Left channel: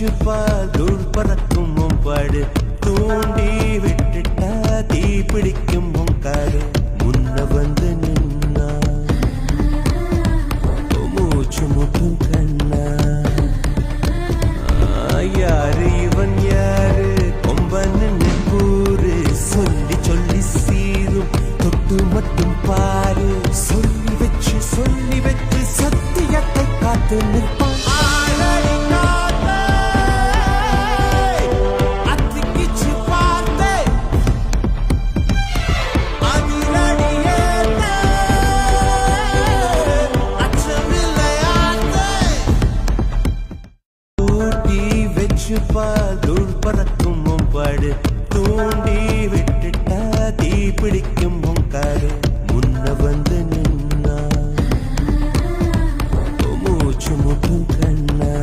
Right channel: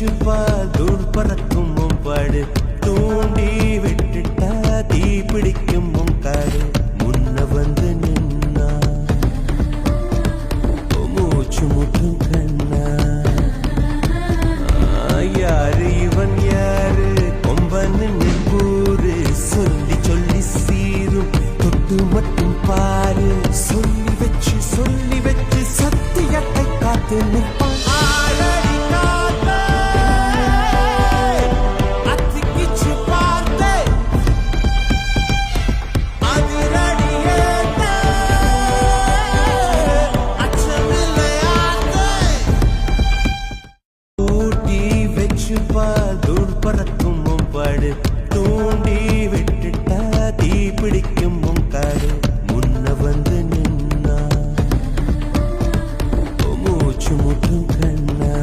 வச்சு தூள் பறக்கும் பாடு தூண்டி விட்டுட்டா தீ பிடிக்கும் காடு முன்ன வந்து நின்னா மூச்சு முட்டும் கண்ணா யாரு இவன் யாரு கொம்பன்னு நெம்பூரு சொல்லி சொல்லி சீரும் தொட்டு மட்டும் பாரு சொல்லி வச்சு சத்தியத்தை காத்து நிற்பான் ஆளடி காத்தே, அத்திக்கிச்சு பார்த்தே, அதிரடியேத்தே, அச்சமில்லையாத்தே. ஊட்டி வச்சு தூள் பறக்கும் பாடு தூண்டி விட்டுட்டா தீ பிடிக்கும் காடு முன்ன வந்து நின்னா மூச்சு முட்டும் கண்ணா